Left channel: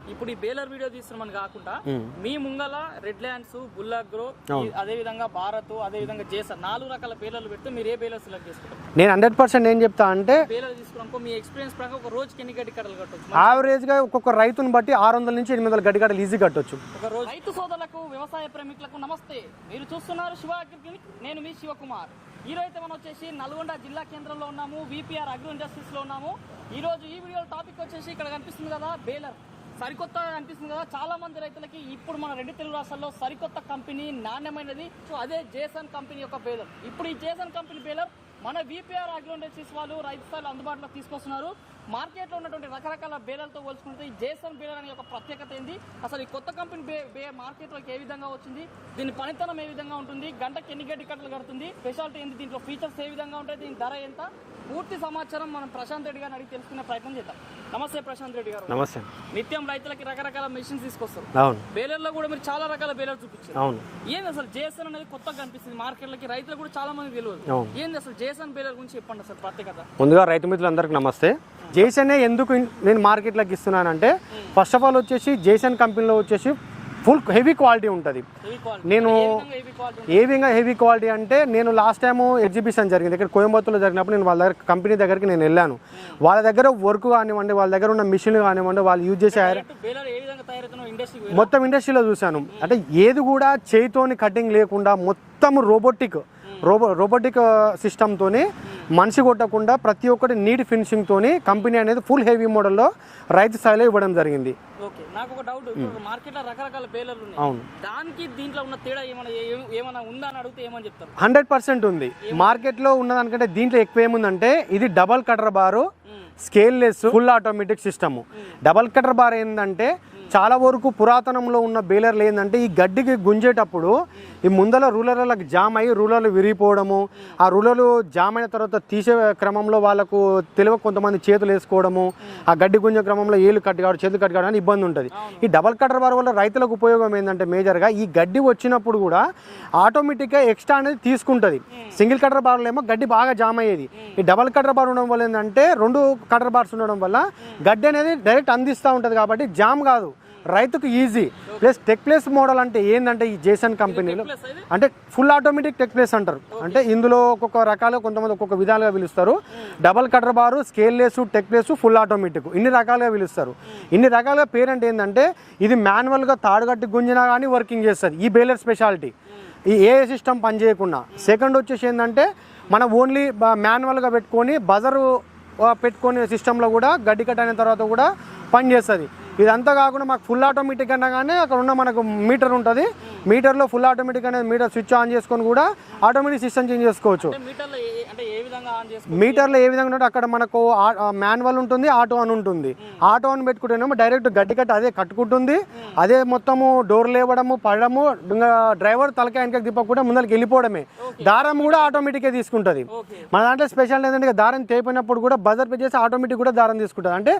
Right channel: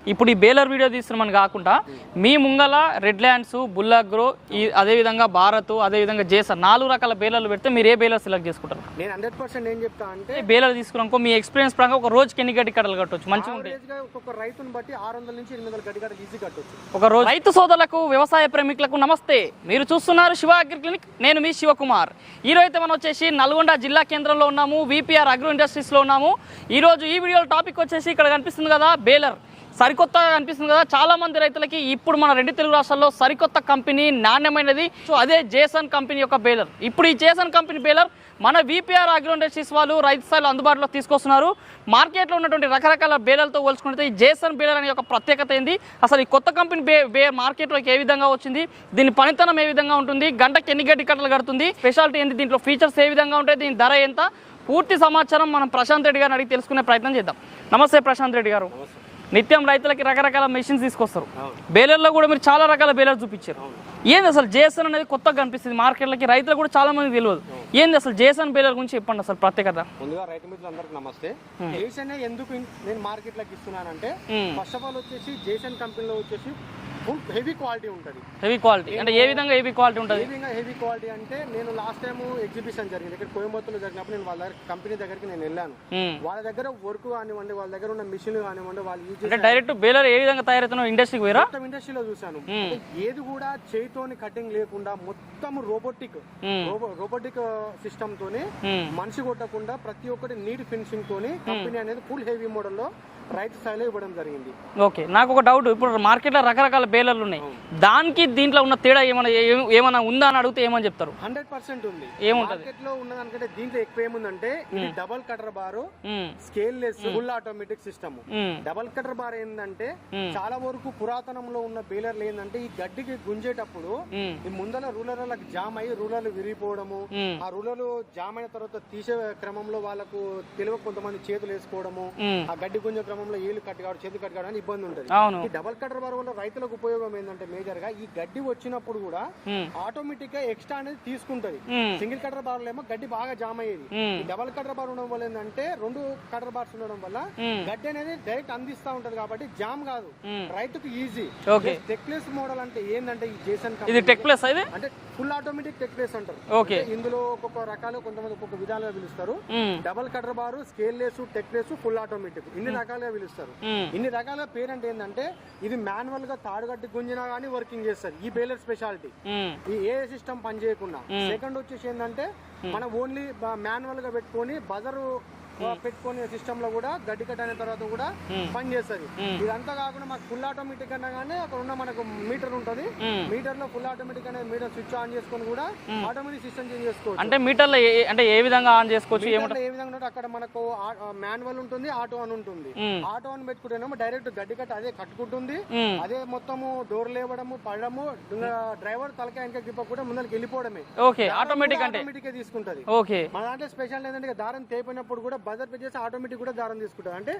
ఇప్పుడు ఈ baler video తీస్తున్నామని కాకుండా మీ ముంగల రెడ్ ల్యాండ్స్ బుల్లాగ్రో ఈ- అదే విధంగా భారత్ అదే విధంగా జేసన్ నాలుగు రకాల బేలర్లు పెడితే మీరు ఏ బేలర్ సెలెక్ట్ చేసుకుంటారు? నేను హండ్రెడ్ పర్సెంట్ ఏం చెప్తా అంటే బేలర్ తీసుకున్నాకో మీ ఎక్స్పీరియన్స్ ప్రకారం ఒక రోజుకి ఎన్ని గడ్డి కట్టలు కట్టవచ్చు మంచి యావరేజ్గా ఒక్కొక్క రైతుని బట్టి ఆరు వందల నుంచి ఎనిమిది వందల గడ్డి గడ్డలు ఈజీ కట్టొచ్చు. ఒక రోజు రైతు సోదరులకు వ్యవసాయ ప్రేమికులకు నమస్తే. మీరు చూస్తున్నారు శివ అగ్రి క్లినిక్. నేను మీ శివకుమార్. ఈ రోజు మనం వచ్చేసి నల్గొండ జిల్లా కేంద్రంలో ఉన్నాము. విపిఆర్ అగ్రో ఇండస్ట్రీస్లో ఉన్నాము. ఈ రోజు ఈ వీడియో టాపిక్ వచ్చేసి ఇక్కడ కనిపిస్తుంది కదా బేలర్. సరికొత్తగా కనిపిస్తుంది కదా. చాలా మంది రైతులకి ఇప్పుడు మన రెండు తెలుగు రాష్ట్రాల్లో సరికొత్త కంపెనీ నాణ్యమైనది. సో అదే జేసన్ కంపెనీ యొక్క బేలర్ ఇప్పుడు ఈ జేసన్ కంపెనీ బేలర్ మన విపిఆర్ అగ్రో ఇండస్ట్రీస్ వాళ్ళు రైతు స్థాయిలో అందుబాటులో తీసుకొస్తున్నారు. మార్కెట్లో ఉన్నటువంటి రకరకాల బేలర్లతో పోల్చుకుంటే ఈ జేసన్ బేలర్ అనే ఒక ప్రత్యేకత ఏంది? అసలు ఈ కొత్త కంపెనీ బే బే మార్కెట్లోకి ఏ విధంగా వచ్చింది? దీని పనితనం ఏ విధంగా ఉంటుంది? గంటకి ఎన్ని గడ్డి కట్టలు కడుతుంది? స్పెషాలిటీ ఏంది? దీంట్లో ఫీచర్స్ ఏ విధంగా ఉంటాయి? దీని ధర ఎంత? పూర్తి సమాచారం మనం ప్రశాంత్ రెడ్డి గారిని అడిగి తెలుసుకునే ప్రయత్నం చేద్దాం. నమస్తే ప్రశాంత్ రెడ్డి గారు. నమస్తే. నిత్యం రైతులకి రకరకాల మెషిన్స్ తీసుకొస్తారు. అవును. బేలర్లో కూడా మీరు చాలా రకాల బేలర్ చూపించారు. అవును. ఏంది అసలు జేసన్ అనేది కొత్తగా కనిపిస్తుంది? మార్కెట్లకి రైతులు కూడా చాలా మంది తెలియదు. ఏంది అసలు జేసన్ బేలర్ గురించి చెప్పండి అసలు ప్రత్యేకత? ముందుగా రైతు మిత్రులందరికీ నమస్తే. జేసన్ ఎందుకు నేను మార్కెట్లోకి ఇస్తున్నానంటే. ఫస్ట్ ఆఫ్ ఆల్ వచ్చేసి జేసన్ కంపెనీలో వచ్చేసి ఫుల్ హెవీ క్వాలిటీ ఉంటుంది. హెవీ క్వాలిటీ నేను- ఏ విధంగా హెవీ క్వాలిటీ ఉంటుంది? ఏ విధంగా హెవీ క్వాలిటీ అంటే నేను లాస్ట్ టైం ఎగ్జిబిషన్ జరిగింది. ఇక్కడ కోయంబత్తూర్లో జరిగినప్పుడు నేను వాళ్ళ దగ్గర కంపెనీ దగ్గరికి నేను వెళ్ళాను. మ్మ్. వాళ్ళ దగ్గర వర్క్ కానివ్వండి వాళ్ళ దగ్గర ఉన్న మిషన్ కానివ్వండి వాళ్ళు యూజ్ చేసే డైరెక్ట్ బేలర్ ఏ విధంగా ఇండస్ట్రీకి మొత్తం ఇండస్ట్రీలో చూశాను. అంటే ఏది కూడా చేయితోని కటింగ్ లేకుండా మొత్తం రోబోటిక్ రోబో రోబోటిక్ సిస్టమ్ తోని మ్మ్. మనిషి కొట్టకుండా ప్రతి ఒక్కటి నీట్ ఫినిషింగ్ తోని కంపెనీ అనేది ఫుల్ హెవీ మోడల్లో రైతు స్థాయిలో ఇవ్వడం జరిగింది. ఓకే నాకు ఒక డౌట్ ఇప్పుడు మార్కెట్లో రకరకాల బేలర్లు ఉన్నాయి. దానికి దీంట్లో ఉన్న తేడా ఏమైనా ఏమైనా ఉందా అని అడిగితే ఏమని చెప్తారు? హండ్రెడ్ పర్సెంట్ ఉంది. మార్కెట్లో ఉన్నదానికంటే దీంట్లో ఎక్కువ ఏముందంటే ఇది double cutter bar. Scale less full automatic system. Double cutter bar ఏంటంటే చాలా వరకు పురాతనంలో ఉన్న బేలర్లు ఏంటంటే ఈ గడ్డికి గుంజేటప్పుడు. ఈ ముందల రూలర్లకు జామ్ అయ్యి రూలర్లు విరిగిపోవడము ఆ రూలర్లు జామ్ అయిన తర్వాత తీసే క్రమంలో వాళ్ళకు తెలివ కొంతమంది చేతులు వేసుకోవడము. ఆ గడ్డి గుంజే క్రమంలో ఏలు కట్టి కావడం చేతులు అని ఇబ్బంది ఉంటుంది. ఈ డబల్ కటర్ బార్ వల్ల రైతులకు ఉపయోగం ఏంటంటే మేజర్గా ఈ గడ్డి వచ్చినప్పుడు కూడా ఆటోమేటిక్గా ఎక్స్ట్రా అనేది తీసుకుంటది. సింగిల్ కటర్ బార్ ఏమో గడ్డి బాగా జామ్ అయ్యేది. ఈ డబల్ కటర్ బార్ ఉండడం వల్ల ఏంటంటే రెండు కటర్ బార్స్ ఉండడం వల్ల గడ్డి అనేది డైరెక్ట్ అందిస్తా ఉంటది కాబట్టి జామ్ కాదు. రైతుకు easy. Plus tech place model అంటే ఏంటంటే ఈ జేసన్ కంపెనీ అంటే ఫుల్ ఆటోమేటిక్ టెక్ ప్లేస్ అంటారు. అంటే ఇందులో ఒక్కొక్క రకాలు కొంతమంది ఒక్కొక్క విధాలుగా పిలుస్తారు. Double cutter bar scale less tech place full automatic. ఇన్ని రకాలుగా పిలుస్తారు. ఇన్ని రకాలుగా పేరెంట్ ఏంటంటే ఇది మాన్యువల్గా తాడుగట్టి గుంజినా కానీ వర్కింగ్ చేస్తుంది. ఈ బేలర్ స్పెషాలిటీ. ఈ ఏ సిస్టమ్ పనిచేయకుండా. సెకండ్ వచ్చేసి ఏంటంటే మనం ఓన్లీ మాన్యువల్గా పెట్టుకొని బజర్ పెట్టుకునే సిస్టమ్లో కూడా గడ్డి కట్ అయిన తర్వాత కూడా పని చేస్తుంది. ఇదంతా కాకుండా మాకు ఫుల్ ఆటోమేటిక్ అన్నా కానీ అక్కడ ఉన్న మనకు మీటర్ ఉంటుంది. మీటర్లో ఫుల్ ఆటోమేటిక్ అనేది మీటర్ స్విచ్ ఆన్ చేసుకొని కూడా ఆటోమేటిక్ సిస్టమ్ చేంజ్ చేసుకోవచ్చు. అంటే మీటర్లో ఏ- అంటే ఏ విధంగా ఆన్ చేసుకోవచ్చు? మీటర్లో ఏ విధంగా అక్కడ మనకు మాన్యువల్ ఉంటుంది ఆటో అని ఉంటుంది. ఆటో అని పెట్టుకుంటేనేమో డైరెక్ట్ గడ్డి కట్టి అదే కట్టుకుంటుంది. అదే మొత్తము డోర్ లేవడము పడడము ఇంకా డ్రైవర్ తలకాయ వెనక తిప్పకుండా ముందరికి వెళ్ళిపోవడమే. దారం కూడా ఆటోమేటిక్గా తీసుకుంటది. మన దాంట్లో స్పెషల్ ఏంటంటే దారం తేపినప్పుడు కూడా బజర్ పే చేసి ఆటోమేటిక్ కూడా దారం తీసుకుంటది అంటే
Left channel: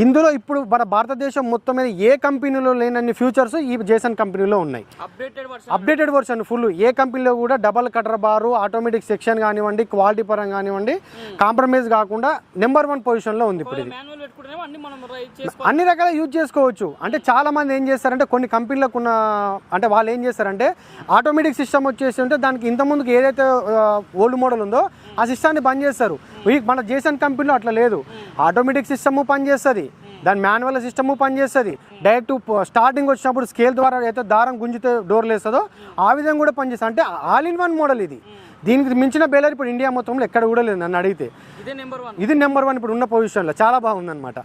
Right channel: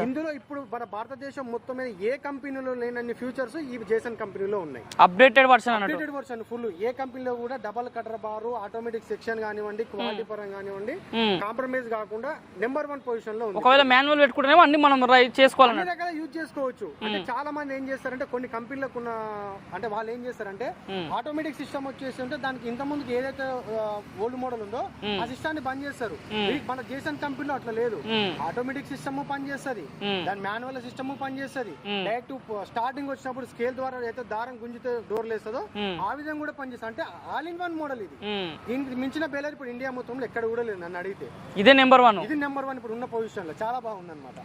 ఇందులో ఇప్పుడు మన భారతదేశం మొత్తం మీద ఏ కంపెనీలో లేనన్ని ఫ్యూచర్స్ ఈ జేసన్ కంపెనీలో ఉన్నాయి. Updated version updated version full ఏ కంపెనీలో కూడా double cutter bar automatic section కానివ్వండి క్వాలిటీ పరంగా కానివ్వండి కాంప్రమైజ్ కాకుండా నెంబర్ వన్ పొజిషన్లో ఉంది మాన్యువల్ అన్ని మనం రై- చేసుకోవాలి. అన్ని రకాల యూజ్ చేసుకోవచ్చు. అంటే చాలా మంది ఏం చేస్తారంటే కొన్ని కంపెనీలకు ఉన్న అంటే వాళ్ళు ఏం చేస్తారంటే ఆటోమేటిక్ సిస్టమ్ వచ్చేసి ఉంటే దానికి ఇంత ముందుకు ఏదైతే ఓల్డ్ మోడల్ ఉందో ఆ సిస్టాన్ని బంద్ చేస్తారు. మన జేసన్ కంపెనీలో అట్లా లేదు. ఆటోమేటిక్ సిస్టమ్ పనిచేస్తుంది. దాని మాన్యువల్ సిస్టమ్ పనిచేస్తుంది. డైరెక్ట్ స్టార్టింగ్ వచ్చినప్పుడు స్కేల్ ద్వారా అయితే దారం గుంజితే డోర్ లేస్తుందో ఆ విధంగా కూడా పనిచేస్తుంది. అంటే ఆల్ ఇన్ వన్ మోడల్ ఇది. దీనికి మించిన బేలర్ ఇప్పుడు ఇండియా మొత్తంలో ఎక్కడ కూడా లేదు నన్ను అడిగితే. ఇదే నెంబర్ వన్ ఇది నెంబర్ వన్ ఇప్పుడు ఉన్న పొజిషన్లో. చాలా బాగుంది అనమాట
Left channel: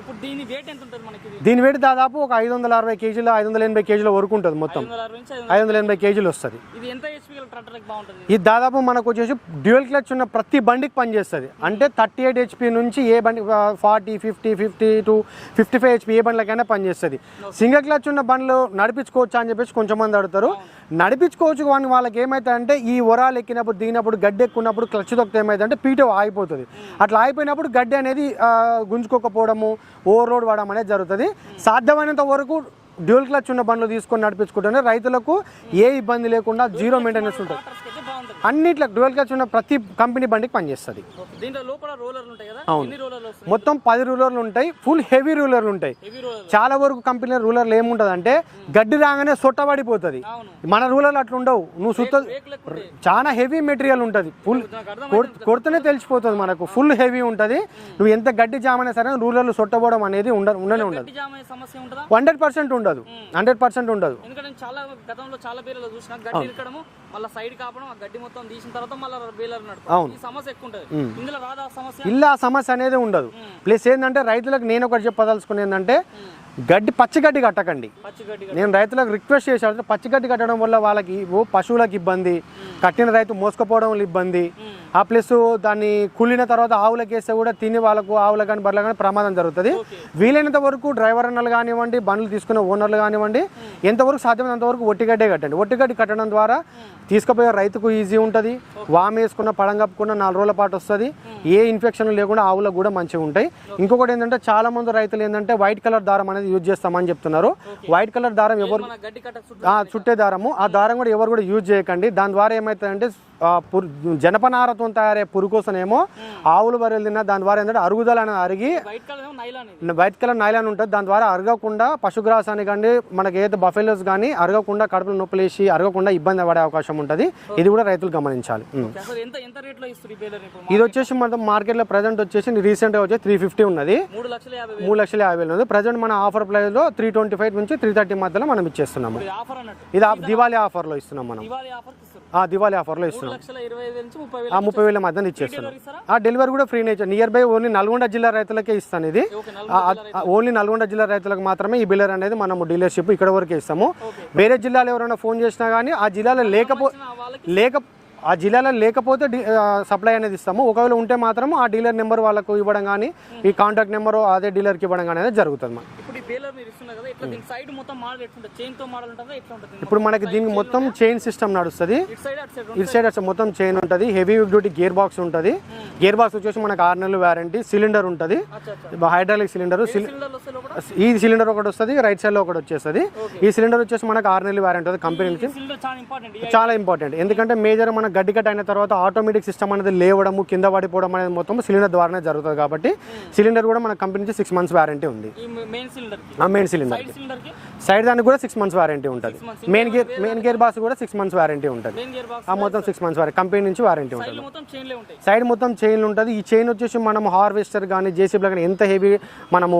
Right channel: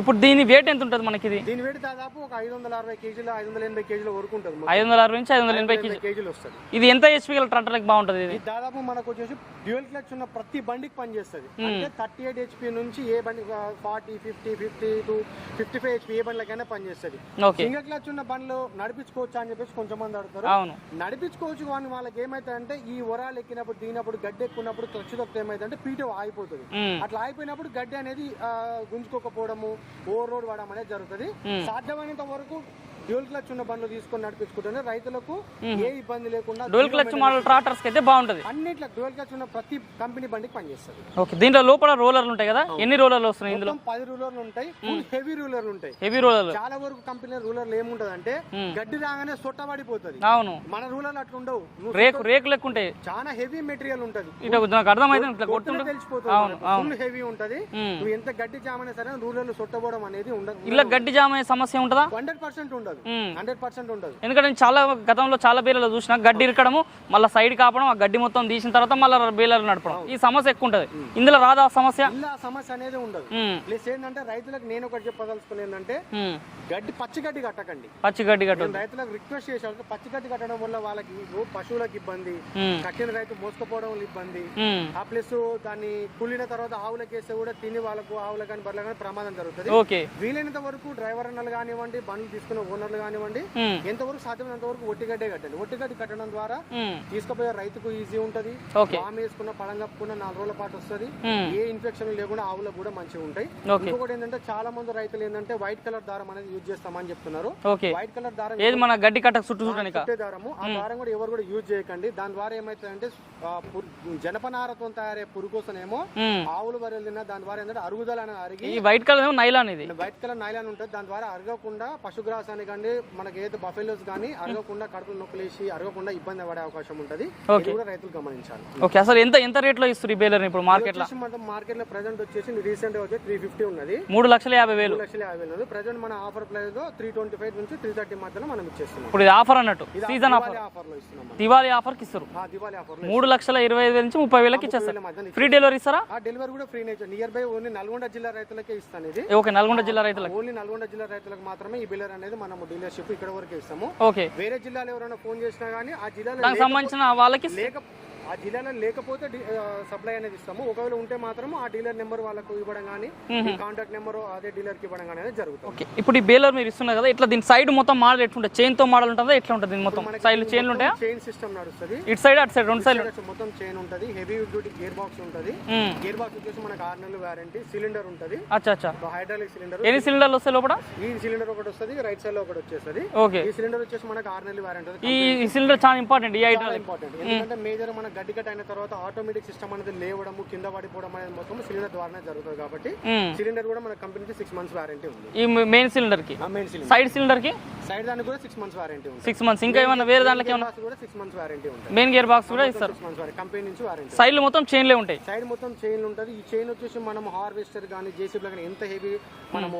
ఇప్పుడు దీని వెయిట్ ఎంత ఉంటుంది మనకి దీని వెయిట్ దాదాపు ఒక ఐదు వందల అరవై కేజీలు ఐదు వందల ఎనభై కేజీల వరకు ఉంటుంది మొత్తం. ఐదు వందల అరవై నుంచి ఐదు ఐదు వందల వందల ఎనభై కేజీలు వస్తుంది. ఇది ఎంత హెచ్పి గల ట్రాక్టర్లకు బాగుంటుంది? ఇది ఇది దాదాపు మనకు వచ్చేసి డ్యూయల్ క్లచ్ ఉన్న ప్రతి బండికి పనిచేస్తుంది. అంటే థర్టీ ఎయిట్ హెచ్పి నుంచి ఏ బండి forty fifty fifty to fifty five HP ఏ బండ్లకైనా పనిచేస్తుంది. సింగిల్ క్లచ్ ఉన్న బండ్లు నడిపించుకోవచ్చు అని చెప్పేసి కొంచెం మంది అడుగుతారు. నడిపించుకోవచ్చు కానీ వాళ్ళకి ఏమైతే అంటే ఈ వరాలు ఎక్కినప్పుడు దిగినప్పుడు గడ్డి ఎక్కున్నప్పుడు క్లచ్ తొక్కితే ఏమైతే అంటే పీట ఆగిపోతుంది. అట్లా ఆగిపోయినప్పుడు గడ్డి అనేది గుంజుకోకపోవడము ఓవర్ లోడ్ పడడం అనేది జరుగుతుంది. సాధ్యమైనంత వరకు డ్యూల్ క్లచ్ ఉన్న బండ్లు తీసుకొని నడిపించుకుంటేనే రైతులకు ఏ ఇబ్బంది లేకుండా జీరో మెయింటెనెన్స్ ట్రాక్టర్స్ అయితే బాగుంటది. అన్నిట్లో డ్యూల్ క్లచ్ ఉన్న ప్రతి కంపెనీ బండికి పనిచేస్తుంది. ఓకే దీంట్లో లోపల రోలర్లు ఉంటాయి కదా? ఎన్ని రోలర్లు వస్తున్నాయి మొత్తం పది రూలర్లు ఉంటాయి ఫుల్ హెవీ రూలర్లు ఉంటాయి. హెవీ రోలర్లు. చాలా వరకు కంపెనీ రూలర్లు ఏముంటది అంటే గడ్డి రాగానే సొట్టబడిపోతుంది అవును. మన రూలర్లు అట్లా ఉండవు. నువ్వు చాలా హెవీ మెటీరియల్ ఉంటది. కొడుతూనే తెలిసిపోతుంది మనకు. ఫుల్ హెవీ ఉంటది. నువ్వు ఎంత గడ్డి జామ్ అయినా సరే రూలర్లు సొట్టబోవడం అనేది ఉండదు గడ్డి జామ్ సమస్య ఉంటుందా? హండ్రెడ్ పర్సెంట్ ఉండదు హండ్రెడ్ పర్సెంట్ ఉండదు. ఎందుకంటే చాలా గతంలో చాలా బేలలో చూసిన గడ్డి ఇరకడము మళ్ళీ సైడ్ కాపడం ఆ గడ్డి మొత్తం తీసిన తర్వాత మళ్ళీ బేలర్ నడపడం. ఈ సమస్య ఎక్కువ ఉంటది. ఇందులో రాదా ఆ సమస్య? ఇలా ఆ సమస్య అనేది ఉండదు. ప్లస్ ఏంటంటే రైతులకు నేను ఒకటి చెప్పదలుచుకుని ఏంటంటే. గడ్డి పచ్చి గడ్డి కట్టకండి. పచ్చి గడ్డి నేను రైతులకు రిక్వెస్ట్ చేశాను. పచ్చి గడ్డి కట్టడం వల్ల వాళ్ళకి పశువులకు ఇబ్బంది. కట్టిన రైతు మోసుకపోవడం ఇబ్బంది. ఆ ప్లస్ దాన్ని కుళ్ళిన తర్వాత ఆవులకు వేస్తే కూడా తిని వాళ్ళకు ఆవులకు కానీ బర్రెలకు కానీ ప్రమాదం జరుగుతుంది. వీలైనంత వరకు డ్రైవర్ అన్నలు కానివ్వండి బండ్లు తీసుకున్న ఓనర్లు కానివ్వండి. ఎంతవరకు సాధ్యమైనంత వరకు ఒట్టిగడ్డే కట్టండి ఒట్టిగడ్డి కట్టడం ద్వారా. తీసుకుపోయే రైతుకు ఈజీ ఉంటది Okay. వామ్ వేసుకున్న పడం కప్పుకున్న నాలుగు రోజుల పాటు వస్తుంది. ఏ ఇన్ఫెక్షన్ లేకుండా ఆవులకు కూడా మంచిగా ఉంటాయి. ఇంకొకటి ఏంటంటే చాలా మంది రైతులు ఏంటంటే వైట్ కలర్ దారం అనేది యూజ్ చేస్తామని చెప్తున్నారు వైట్ కలర్ దారం చుట్టూ దారము ఆ దారం కూడా ఎవరు కూడా యూజ్ చేయకండి దాని ద్వారా పురు- జనపనారతో తయారయ్యే పురుకోసనేమో ఉమ్. ఆవులు బర్రెలు తిన్నా దాని ద్వారా ఏంటంటే అరుగుదల అనేది అరిగి వైట్ కలర్ ఏమో నైలాన్ ఇది. వైట్ కలర్ నైలాన్ ఉంటుంది. దాని ద్వారా అరగకుండా పశుగ్రాసాన్ని కానీ మనకి ఏదైతే బఫెలోస్ కానీ అరగకుండా కడుపులో నొప్పులేసి అరగకుండా ఇబ్బంది పడే అవకాశం ఉంటుంది. ఇది కూడా రైతులు గమనించాలి. అసలు ఎంత ఎంత రేట్లో ఇస్తారు ఇది వచ్చేసి మన మార్కెట్లో ప్రజెంట్ వచ్చేసి రీసెంట్గా వచ్చి త్రీ ఫిఫ్టీ ఉన్నది. మూడు లక్షల యాభై మూడు లక్షల యాభై వేలు ఉంది ప్రజెంట్ మన ఆఫర్ ప్రైస్లో త్రీ ట్వంటీ ఫైవ్ నుంచి త్రీ థర్టీ మధ్యలో మనం ఇచ్చేస్తున్నాం. ఇది ఆఫర్ అన్నట్టు. ఇది ఆ దివాళీ ఆఫర్లో ఇస్తున్నాం మనం. దివాళీ ఆఫర్ దివాళీ ఆఫర్లో లక్షల ఇరవై ఐదు వేల నుంచి ముప్పై ఆ వేలకి ముప్పై వేల మధ్యన ఫ్రీ. డెలివరీ ఇస్తారా? ఆ డెలివరీ కూడా free nearby only Nalgonda జిల్లా రైతులకే ఇస్తాను ఇది. ఓకే నల్గొండ జిల్లా రైతు ఓన్లీ నల్గొండ జిల్లా రైతులకు మాత్రమే ఈ బిల్లర్ అనేది మనము డీలర్షిప్ ఇక్కడ వరకు ఇస్తాము. వేరే జిల్లాలో ఎవరైనా ఫోన్ చేసినా కానీ ఆ జిల్లాలో లేకపోతే వాళ్ళకి లేక ఆ జిల్లాలో లేకపోతే సప్లై అనేది ఇస్తాము. ఒకవేళ ఉంటే మాత్రం ఆ డీలర్ నెంబర్ వాళ్ళకు ఇవ్వడం కానీ ఈ కాంటాక్ట్ నెంబర్ అదే డీలర్కి ఇవ్వడం కానీ అనేది జరుగుతుంది. ఇప్పుడు ఈ బేలర్ మీరు ఇస్తున్నారు కదా ఇట్లా దీని సైడ్ మొత్తం మోడల్ ఎట్లుంటుంది? చైన్తో మోడల్ ఉంటుందా ఎట్లా ఉంటుంది ఇప్పుడు మనకి దీనికి మొత్తం? చైన్ సిస్టమ్ నడుస్తుంది. ఇటు సైడ్ అటు సైడ్ ఇటు సైడ్ మొత్తం చైన్ ఉంటుంది. హెవీ డ్యూటీ గేర్ బాక్స్ ఉంటుంది. గేర్ బాక్స్ వచ్చేసి మనకు ఆరు నెలలు వారంటీ సిలిండర్ ఉంటుంది. హైడ్రాలిక్ సిలిండర్ లోపల? ఈ సిలిండర్ ఒకటి వస్తుంది రైట్ సైడ్లో ఒకటి వచ్చేస్తుంది. ఈ సిలిండర్ వచ్చేసి మనకు ఆరు నెలలు వారంటీ కంపెనీ సిలిండర్ చాలా ఇంపార్టెంట్ చాలా ఇంపార్టెంట్ ఎందుకంటే మేజర్ మన గడ్డి కట్ అయిన తర్వాత ఆటోమేటిక్ సిస్టమ్ అనేది లేవడము కింద పడిపోవడం అనేది మొత్తం సిలిండర్ ద్వారానే జరుగుతుంది కాబట్టి. సిలిండర్ కూడా మన కంపెనీ నుంచి సిక్స్ మంత్స్ వారంటీ ఉంది. ఈ మెయిన్ సిలిండర్కి? ఆ మెయిన్ సిలిండర్ సైడ్ సిలిండర్కి? సైడ్ దానికి కూడా సిక్స్ మంత్స్ వారంటీ ఉంటుంది. సిక్స్ మంత్స్ మెయిన్ ఏమైనా గేర్ బాక్స్ కూడా సిక్స్ మంత్స్ వారంటీ ఉంటుంది. మెయిన్ గేర్ బాక్స్ ఆ మొత్తం సిక్స్ మంత్స్ వారంటీ కంపెనీ నుంచి వారంటీ సైడ్ మొత్తం చైన్లే ఉంటాయి. సైడ్ మొత్తం చైన్ ఉంటుంది. ఈ చైన్ వచ్చేసి మనం హార్వెస్టర్ కానీ జేసీబీలో కానీ ఎంత హెవీ మనము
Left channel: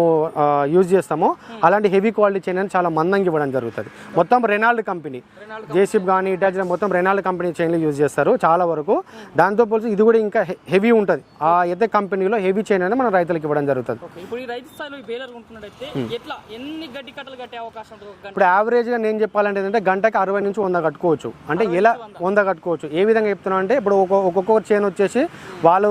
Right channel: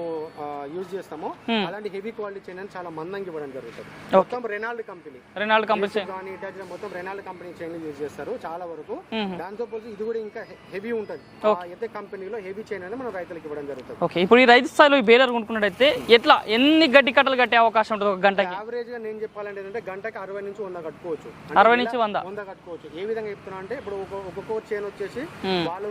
యూజ్ చేస్తామో అలాంటి హెవీ క్వాలిటీ చైన్ అని చాలా మందంగా ఇవ్వడం జరుగుతుంది. మొత్తం Renold company Renold company JCB కానీ ఇటాచి మొత్తం రెనాల్డ్ కంపెనీ చైన్లు యూజ్ చేస్తారు చాలా వరకు. దాంతో పోల్చి ఇది కూడా ఇంకా హెవీ ఉంటుంది. ఆ అయితే కంపెనీలో హెవీ చైన్ అనేది మన రైతులకు ఇవ్వడం జరుగుతుంది. ఓకే ఇప్పుడు ఈ రైతు స్థాయిలో ఈ బేలర్ కొనుక్కున్నట్టయితే ఎట్లా ఎన్ని గడ్డి కట్టలు కట్టే అవకాశం ఉంటుంది ఒక గంట యావరేజ్గా నేను చెప్పాలంటే ఏంటంటే గంటకి అరవై నుంచి వంద కట్టుకోవచ్చు. అంటే నుంచి వంద. కట్టుకోవచ్చు. ఏ విధంగా చెప్తున్నా అంటే ఇప్పుడు ఒక్కొక్క చైన్ వచ్చేసి వాళ్ళు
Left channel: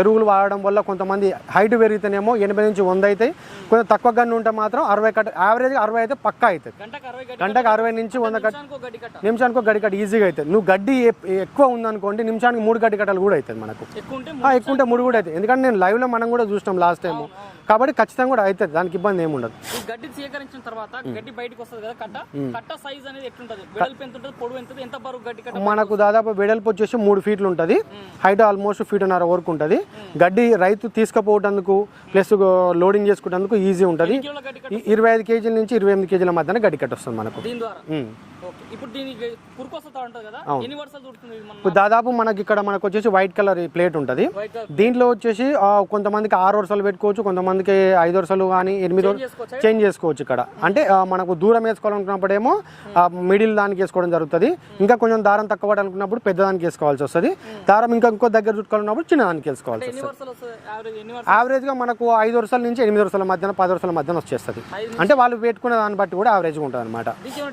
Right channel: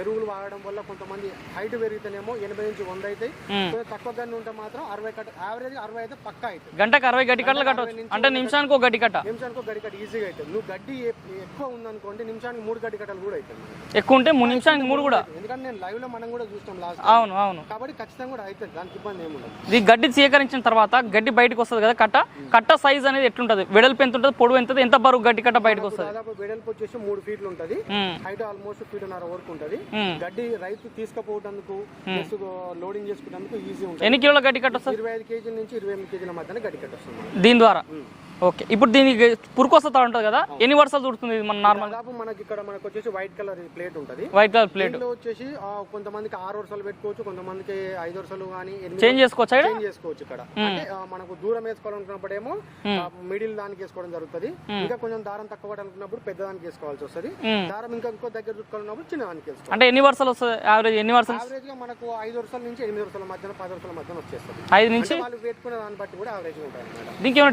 ఎరువులు వాడడం వల్ల కొంతమంది హైట్ పెరిగితేనేమో ఎనభై నుంచి వంద అవుతాయి కొంచెం తక్కువ గన్ను ఉంటే మాత్రం అరవై కట్ట యావరేజ్ అరవై అయితే పక్కా అవుతుంది గంటకు అరవై గడ్డి గంటకు అరవై. నుంచి నిమిషానికి ఒక గడ్డి కట్ట. ఈజీగా అవుతుంది నువ్వు గడ్డి ఎక్కువ ఉందనుకోండి నిమిషానికి మూడు గడ్డి కట్టలు కూడా అవుతుంది మనకు. ఎక్కువ ఉంటే మూడు కూడా అవుతుంది. ఎందుకంటే నేను లైవ్లో మనం కూడా చూసినాం లాస్ట్ టైం అవును అవును. కాబట్టి ఖచ్చితంగా కూడా అవుతుంది. దానికి ఇబ్బంది ఏమి ఉండదు. ఈ గడ్డి సేకరించిన తర్వాత గడ్డి బయటకు వస్తుంది కదా కట్ట? కట్ట సైజ్ అనేది ఎట్లుంటది? వెడల్పు ఎంత ఉంటుంది? పొడవు ఎంత? ఎంత బరువు గడ్డి కట్ట మనకు దాదాపు వెడల్పు వచ్చేసి మూడు ఫీట్లు ఉంటది. హైట్ ఆల్మోస్ట్ ఫీట్ ఉన్నర వరకు ఉంటది. గడ్డి రైతు తీసుకుపోవడానికి ప్లస్ లోడింగ్ చేసుకుంటందుకు ఈజీ ఉంటది. ఎన్ని కిలోల గడ్డి కట్ట? ఇరవై ఐదు కేజీల నుంచి ఇరవై ఎనిమిది కేజీల మధ్యన గడ్డి కట్ట వస్తుంది మనకు. దీని ద్వారా. ఓకే. ఇప్పుడు దీనికి పురుకొస్తా ఉంటుంది కదా? ఎన్ని చుడుతుంది ఇది మన దాదాపు మనకి ఇక్కడ మనకు వచ్చేసి వైట్ కలర్ ప్లేట్ ఉంటది. వైట్ కలర్ ప్లేట్ దీంట్లో వచ్చేసి కొంతమందికి ఆరు వరుసలు పెట్టుకోవచ్చు కొంతమందికి ఐదు వరుసలు కానీ ఎనిమిది చేంజ్ చేసుకోవచ్చా చేంజ్ చేసుకోవచ్చు ఇక్కడ. అంటే ఆ, మనకు దూరం వేసుకోవాలనుకున్నప్పుడేమో మిడిల్ దానికి వేసుకోవడం జరుగుతుంది. ఇంకా కొంచెం దారం తక్కువ పడాలనుకున్నప్పుడు పెద్ద దానికి వేసుకోవాల్సి వస్తుంది. దారం ఇంకా ఇంకో దగ్గర చుట్టుకోవాలన్నప్పుడు చిన్న దానికి వేసుకోవాలి అంటే ఎన్ని వర్షాలు వస్తుంది? యావరేజ్ ఎన్ని వర్షాలు యావరేజ్గా మనకు ఐదు వరుసల నుంచి ఎనిమిది వరుసల మధ్యన పది వరుసల మధ్యన వచ్చేస్తుంది. అంటే వాళ్ళు పెట్టుకున్న దాన్ని బట్టి కూడా యావరేజ్ ఉంటుంది అనమాట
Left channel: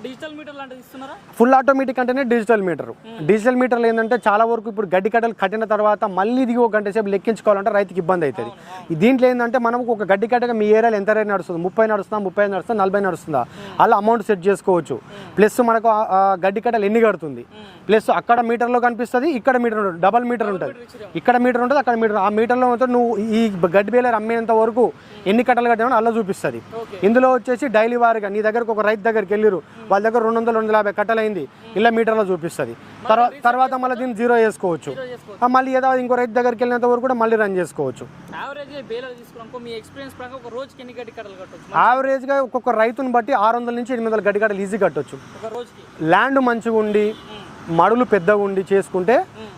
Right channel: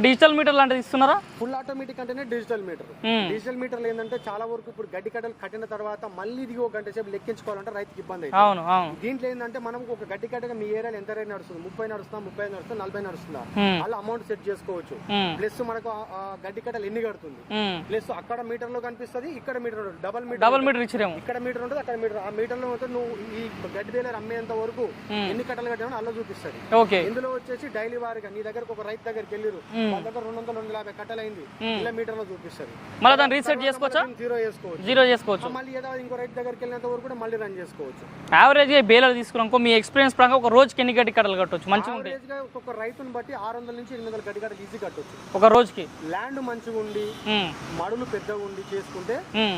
డిజిటల్ మీటర్ లాంటిది ఇస్తున్నారా? ఫుల్ ఆటోమేటిక్ అంటేనే డిజిటల్ మీటర్ డిజిటల్ మీటర్లు ఏంటంటే చాలా వరకు ఇప్పుడు గడ్డి కట్టలు కట్టిన తర్వాత మళ్ళీ ఇది ఒక గంట సేపు లెక్కించుకోవాలంటే రైతుకి ఇబ్బంది అవుతుంది. దీంట్లో ఏంటంటే మనం ఒక గడ్డి కట్టగా మీ ఏరియాలో ఎంత రేట్ నడుస్తుంది? ముప్పై నడుస్తుందా? ముప్పై నడుస్తుందా? నలభై నడుస్తుందా? అలా అమౌంట్ సెట్ చేసుకోవచ్చు. Hmm. ప్లస్ మనకు ఆ- ఆ గడ్డి కట్టలు ఎన్ని కడుతుంది. ప్లస్ అక్కడ మీటర్లో కనిపిస్తుంది ఇక్కడ మీటర్ డబల్ మీటర్ ఇక్కడ మీటర్ ఉంటుంది అక్కడ మీటర్ ఆ మీటర్లో నువ్వు ఈ గడ్డి బేలర్ అమ్మేంత వరకు ఎన్ని కట్టలు కట్టామో అలా చూపిస్తుంది. ఇందులో వచ్చేసి డైలీ వారిగా నీ దగ్గరకు ఒక రైతు దగ్గరికి వెళ్ళిరు వాళ్ళ దగ్గర రెండు వందలు రెండు యాభై కట్టలు అయింది ఇలా మీటర్లో చూపిస్తుంది తర్వాత మళ్ళీ దీన్ని జీరో చేసుకోవచ్చు. జీరో చేసుకోవచ్చు. మళ్ళీ ఏదో ఇంకో రైతు దగ్గరికి వెళ్ళినంత వరకు కూడా మళ్ళీ రన్ చేసుకోవచ్చు. యావరేజ్ బేలర్ తీసుకున్నాం మీ ఎక్స్పీరియన్స్ ప్రకారం ఒక రోజుకి ఎన్ని గడ్డి కట్టలు కట్టవచ్చు మంచి యావరేజ్గా ఒక్కొక్క రైతుని బట్టి ఆరు వందల నుంచి ఎనిమిది వందల గడ్డి కట్టలు ఈజీ కట్టొచ్చు. ఒక రోజుకి? ల్యాండ్ మంచిగా ఉండి ఉమ్. మడులు పెద్దగా ఉండి చేసుకుంటే.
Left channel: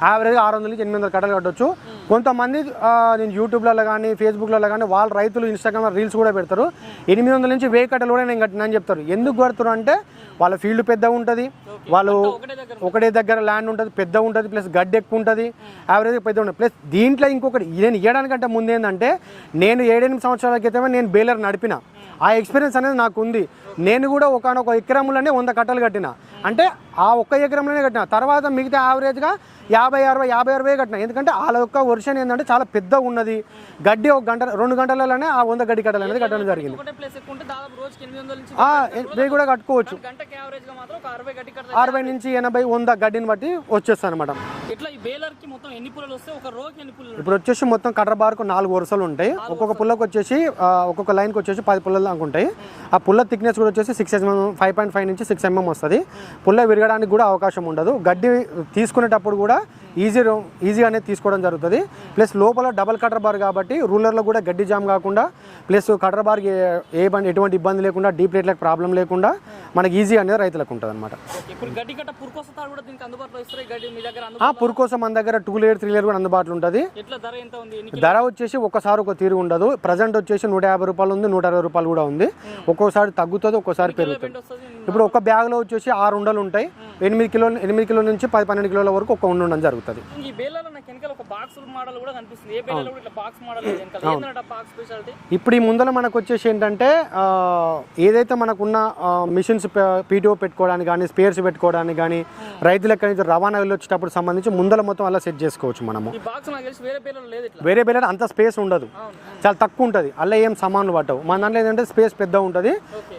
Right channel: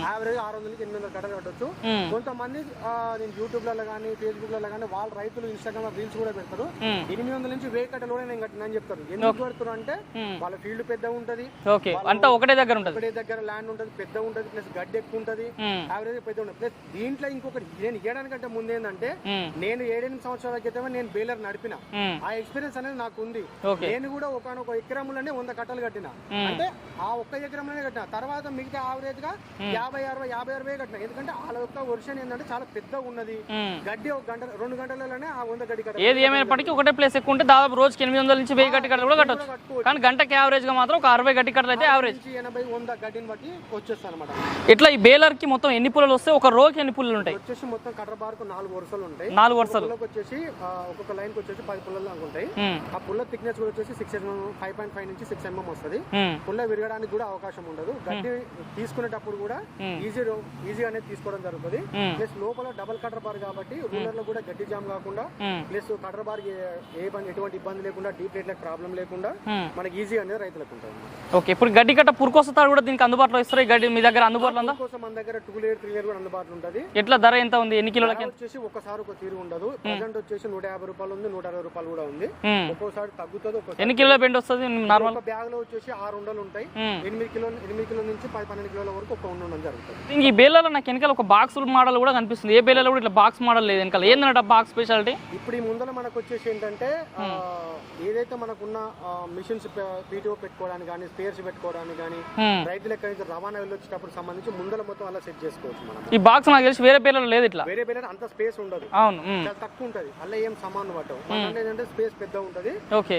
యావరేజ్ ఆరు వందల నుంచి ఎనిమిది వందల కట్టలు కట్టొచ్చు. మ్మ్. కొంతమంది నేను యూట్యూబ్లలో కానీ ఫేస్బుక్లలో కానీ వాళ్ళ రైతులు ఇన్స్టాగ్రామ్ రీల్స్ కూడా పెడతారు. ఎనిమిది వందల నుంచి వెయ్యి కట్టలు కూడా నేను కట్టినా అని చెప్తారు. ఎందుకు కడుతున్నారు అంటే వాళ్ళ ఫీల్డ్ పెద్దగా ఉంటది. వాళ్ళు ఒకటే దగ్గర ఒకటే దగ్గర ల్యాండ్ ఉంటుంది పెద్ద ఉంటుంది ప్లస్ గడ్డి ఎక్కువ ఉంటుంది. యావరేజ్ పెద్ద ఉంటుంది. ప్లస్ దీంట్లో ఇంకొకటి నేను ఇవ్వడానికంటే ముందు ఏంటంటే మ్మ్. నేను ఏడెనిమిది సంవత్సరాల క్రితమే నేను బేలర్ నడిపిన. మ్మ్. ఆ ఎక్స్పీరియన్స్ అనేది నాకు ఉంది నేను కూడా ఒకనొక ఎకరంలోనే వంద కట్టలు కట్టిన. అంటే ఆ ఒక్క ఎకరంలోనే కట్టిన. తర్వాత మిగతా యావరేజ్గా యాభై అరవై యాభై అరవై కట్టిన. ఎందుకంటే వాళ్ళ యొక్క వర్షన్ ఏంటంటే చాలా పెద్దగా ఉన్నది. గడ్డి ఒక గంట రెండు గంటలలోనే ఆ వంద గడ్డి కట్టలు ఒకటే ప్లేస్ ఎక్కువ ఉంటే దాదాపు రోజుకి ఎనిమిది వందల నుంచి వెయ్యి గడ్డి కట్టలు కూడా కట్టుకోవచ్చు. గంటకి యావరేజ్గా మాత్రం ఒక అరవై గడ్డి కట్టలు నుంచి ఎనభై వంద గడ్డిని బట్టి వచ్చేస్తాను అనమాట ఇట్లా ఈ బేలర్కి మొత్తం ఎన్ని పుల్లలు వస్తే ఒక రోజుకి ఎన్ని పుల్లలు ఇప్పుడు వచ్చేసి మొత్తం కర్ర బార్కు నాలుగు వరుసలు ఉంటాయి. ఒక్కొక్క పుల్లకు వచ్చేసి ఒక్కొక్క లైన్కి వచ్చేసి పది పుల్లలు దాకా ఉంటాయి. ఆ పుల్ల థిక్నెస్ కూడా వచ్చేసి six MM five point five నుంచి సిక్స్ ఎంఎం వస్తుంది. మ్మ్. పుల్ల విరగడానికి కూడా అవకాశం ఉండదు. గడ్డి తీసుకునేటప్పుడు కూడా ఈజీ ఈజీ అనేది తీసుకోవడం జరుగుతుంది. ప్లస్ లోపల డబల్ కటర్ బార్ కాబట్టి రూలర్లో కూడా గడ్డి జామ్ కాకుండా. ప్లస్ కటర్ బార్ ఏ ఎటువంటి ఇబ్బంది లేకుండా డీప్ రేట్లకు ప్రాబ్లం లేకుండా. మనకి ఈజీ అనేది రైతులకు ఉంటుంది అనమాట ఓకే. ఇప్పుడు గడ్డి కట్ట పురుకొస్తారు కూడా దీనికి అందుబాటులో ఇస్తారు? ఈ గడ్డి మీ దగ్గర అందుబాటులో పురు కోసం మన దగ్గర టూ లేయర్ త్రీ లేయర్ కూడా అందుబాటులో ఉంటుంది. ఎట్లా ధర ఎంత ఉంది? ఎన్ని కిలో ధర వచ్చేసి ఒకసారి ఒక తీరు ఉండదు. ప్రజెంట్ వచ్చేసి నూట యాభై రూపాయలు ఉంది నూట అరవై రూపాయలు కూడా ఉంది. ఒక్కోసారి తగ్గుతుంది ఒక్కోసారి ఇప్పుడు ఒక బ్యాగ్లో వచ్చేసి ఆరు ఉండలు ఉంటాయి. ఎనిమిది కిలో ఎనిమిది కిలో నుంచి పది పన్నెండు కిలోల వరకు ఒక ఉండ ఉండడం జరుగుతుంది. ఈ బేలలో నాకు వెనకాల ఒక బాక్స్ మోడల్ కూడా కనిపిస్తుంది. ఏ బేలలో కూడా ఇట్లా బాక్స్ మోడల్ లేదు వెనకాల. ఏంటంటే బాక్స్ స్పెషాలిటీ ఇప్పుడు ఈ ముందర మనకు వచ్చేసి ఏంటంటే ఏదైతే మనకున్న మిషన్స్ పీటీఓ పెట్టుకోవడానికి కానీ స్పేర్స్ పెట్టుకోవడానికి కానీ Hmm. ఎక్కడి నుంచి రవాణా వెళ్ళొచ్చేటప్పుడు సంబంధించి ముందర మొత్తం అలా సెట్ చేసుకోవచ్చు మనము. ఈ బాక్స్ నాకు తెలిసి వేరే పేర్లలో లేదు ఇట్లా. వేరే వేరే అంత స్పేస్ ఉండదు. చాలా తక్కువ ఉంటుంది. అలా ఏం సామాన్లు పట్టవు. మన దాంట్లో ఏంటంటే స్పేస్ పెద్ద ఉంటుంది.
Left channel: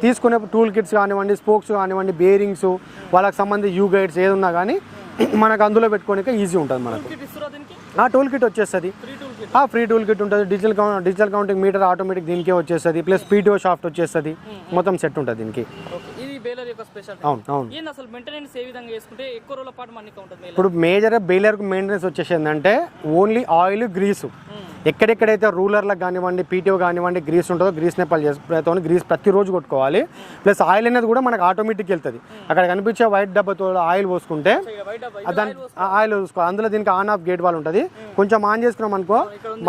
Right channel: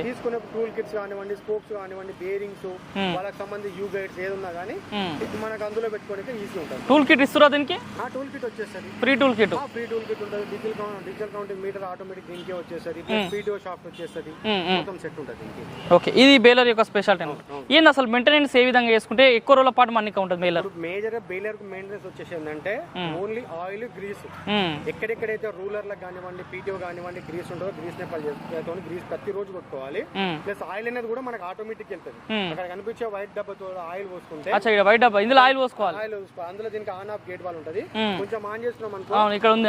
తీసుకునే టూల్ కిట్స్ కానివ్వండి స్పోక్స్ కానివ్వండి బేరింగ్స్ వాళ్ళకి సంబంధించి యూ గైడ్స్ ఏది ఉన్నా కానీ మనకు అందులో పెట్టుకోనిక ఈజీ ఉంటుంది. టూల్ కిట్ ఇస్తురా దీనికి? ఆ టూల్ కిట్ వచ్చేస్తుంది. Free tool kit. ఆ ఫ్రీ టూల్ కిట్ ఉంటుంది. Digital digital counting meter automatic దీనికే వచ్చేస్తుంది. ప్లస్ పీటీఓ షాఫ్ట్ వచ్చేస్తుంది. మొత్తం సెట్ ఉంటుంది దీనికి. ఓకే. ఇది బేలర్ యొక్క స్పెషాలిటీ. అవును అవును. ఏంది అసలు మెయింటెనెన్స్ ఏ విధంగా చేసుకుంటే ఎక్కువ రోజుల పాటు మనకి ఉంటుంది ఇప్పుడు మేజర్ బెయిలర్ మెయింటెనెన్స్ వచ్చేసి ఏంటంటే ఓన్లీ ఆయిల్ గ్రీస్ ఎక్కడెక్కడైతే రూలర్లకు కానివ్వండి పీటీఓ కానివ్వండి గ్రీస్ ఉంటుందో గ్రీస్ నేపాల్ చేసుకుంటే గ్రీస్ ప్రతిరోజు కొట్టుకోవాలి. ప్లస్ ఆయిల్ అనేది కూడా మనకు ఆటోమేటిక్ వెళ్తుంది. అక్కడ కనిపించే వైట్ డబ్బాతో ఆయిల్ పోసుకుంటే వైట్ డబ్బా ఆయిల్ పోసుకో ఆయిల్ చూసుకోవాలి అందులో దీనికి ఆన్ ఆఫ్ గేట్ వాళ్ళు ఉంటుంది. కొంచెం ఆన్ చేసుకున్నాం అనుకో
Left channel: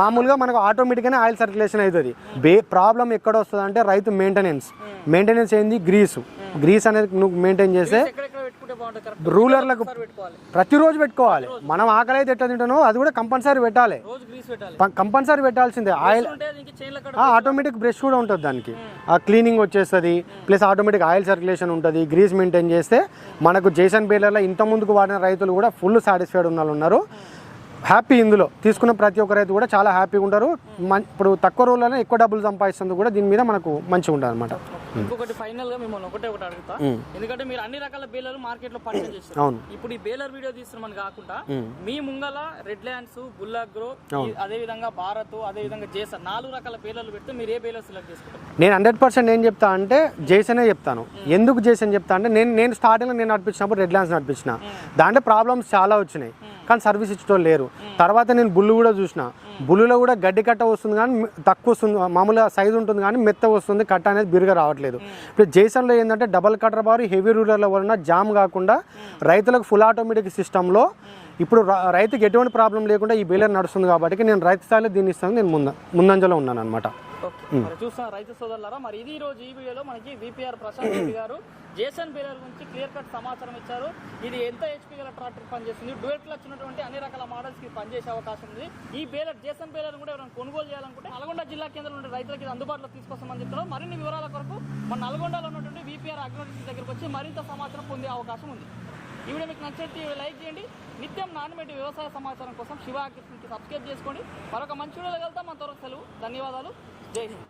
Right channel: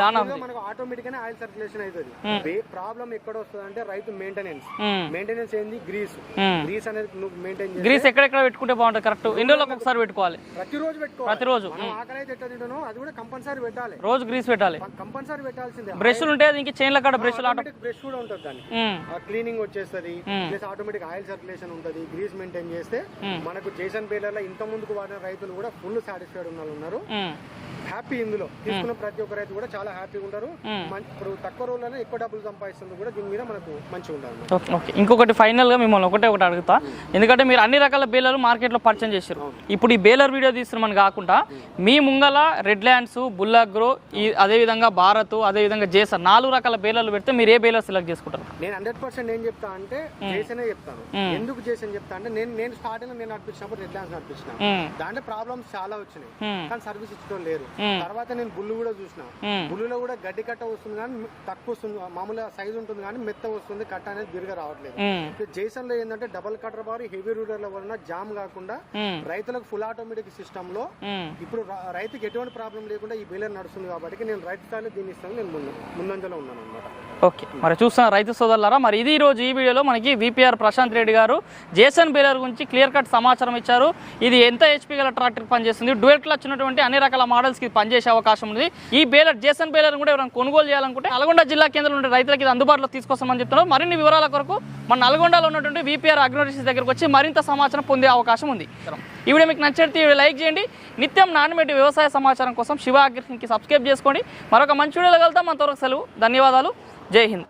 మామూలుగా మనకు ఆటోమేటిక్ గానే ఆయిల్ సర్క్యులేషన్ అవుతుంది. ప్రాబ్లం ఎక్కడ వస్తుంది అంటే రైతు మెయింటెనెన్స్. మెయింటెనెన్స్ ఏంది? గ్రీస్ గ్రీస్ అనేది నువ్వు మెయింటైన్ చేస్తే గ్రీస్ పెట్టుకోవాలి. ప్రతిరోజు పెట్టుకోవాలి. మనం ఆకలి అయితే ఎట్లా తింటానో అది కూడా కంపల్సరీ పెట్టాలి. రోజు గ్రీస్ పెట్టాలి. కంపల్సరీ పెట్టాల్సిందే. బ్రష్ ఉంటే ఇంక చైన్ల కాడ బ్రష్ ఆటోమేటిక్ బ్రష్ కూడా ఉంటుంది దానికి. మ్మ్. ఆ క్లీనింగ్ వచ్చేస్తుంది. ప్లస్ ఆటోమేటిక్ ఆయిల్ సర్క్యులేషన్ ఉంటుంది. గ్రీస్ మెయింటైన్ చేస్తే మనకు జేసన్ బేలర్లో ఇంత ముందుకు వాడిన రైతులు కూడా ఫుల్ సాటిస్ఫైడ్ ఉన్న ఉన్నారు. హ్యాపీ ఇందులో. తీసుకున్న ప్రతి ఒక్క రైతు కూడా చాలా హ్యాపీగా ఉంటారు. ఇప్పుడు తక్కువ రోజుల్లోనే ఎక్కువ డబ్బులు సంపాదిస్తుంది కూడా దీని మీద మనకు మంచిగా ఉంటుంది అనమాట ఇంకొకటి ఫైనల్గా మిమ్మల్ని ఒకటే ఒకటి అడుగుతా. ఎందుకంటే మీరు అన్ని రకాల బేలర్లు మార్కెట్లో పరిచయం చేశారు. ఇప్పుడు ఈ బేలర్ వీడియో తీస్తున్నామని కాకుండా మీ ముంగల రెడ్ ల్యాండ్స్ బుల్లాగ్రో అదే విధంగా భారత్ అదే విధంగా జేసర్ నాలుగు రకాల బేలర్లు పెడితే మీరు ఏ బేలర్ సెలెక్ట్ చేసుకుంటారు. నేను హండ్రెడ్ పర్సెంట్ ఏం చెప్తా అంటే జేసనే చెప్తాను. ఎందుకు జేసన్ చెప్తా అంటే నేను నేను స్టార్టింగ్ నేను నడిపించినప్పుడు రెడ్ ల్యాండ్స్ నడిపించిన. దాంట్లో ప్రాబ్లమ్స్ చాలా వచ్చినాయి. కానీ సర్వీస్ ఇచ్చడం లేరు. తర్వాత నేను బుల్లు కూడా చూసిన. బుల్లులో కూడా గడ్డి కట్ట వస్తుంది కానీ తక్కువ వస్తుంది. మామూలుగా సైజ్ ఉంటుంది కానీ మెత్త వస్తుంది. కట్ట అనేది బిరుగా రావట్లేదు. ఇప్పుడు జేసన్లో ఏంటంటే double cutter bar heavy roller వలన జామ్ కాకుండా రైతులకు ఫుల్ ఆటోమేటిక్ సిస్టమ్లో. ఇప్పుడు రైతుకి ఎటువంటి ప్రాబ్లం లేకుండా ఈ బేలర్ నడుస్తుంది కాబట్టి నేను రైతు స్థాయిలో దీన్ని ఇస్తాను నేను ముంద ముందంజలో ఉన్నాను అనమాట ఓకే. మరి చూస్తున్న రైతు సోదరులారా మరి ఇది ఈ రోజు ఈ వీడియోలో మనకి విపిఆర్ ప్రశాంత్ రెడ్డి గారు జేసన్ బేలర్ గురించి క్లియర్ కట్ సమాచారం ఇచ్చారు. ఇది ఎంత హెచ్పి గల ట్రాక్టర్ పనిచేస్తుంది? డ్యూయల్ క్లచ్ ఉన్నటువంటి అన్ని రకాల మోడల్స్కి పనిచేసే అవకాశం ఉంది. ఈ బేలర్ జేసన్ బేలర్ కూడా ఎవరైనా కొనుగోలు చేయాలనుకుంటే నల్గొండ జిల్లా కేంద్రంలో ఉండే రైతులకి ఇది అందుబాటులో తీసుకొస్తామని చెప్తున్నారు. మరిన్ని వివరాల కొరకు మన నల్గొండలో ఉన్నటువంటి విపిఆర్ అగ్నోరిసిస్ దగ్గరకు వచ్చి మరింత సమాచారం పొందే అవకాశం ఉంది. ఈ వీడియో మీకు నచ్చితే లైక్ చేయండి. నిత్యం నాణ్యమైన వ్యవసాయ సమాచారం కోసం శివ అగ్రికి సబ్స్క్రైబ్ చేసుకోండి. మరొక మంచి వీడియోలో కలుద్దాం. అంతవరకు సెలవు. ధన్యవాదాలు. जय हिंद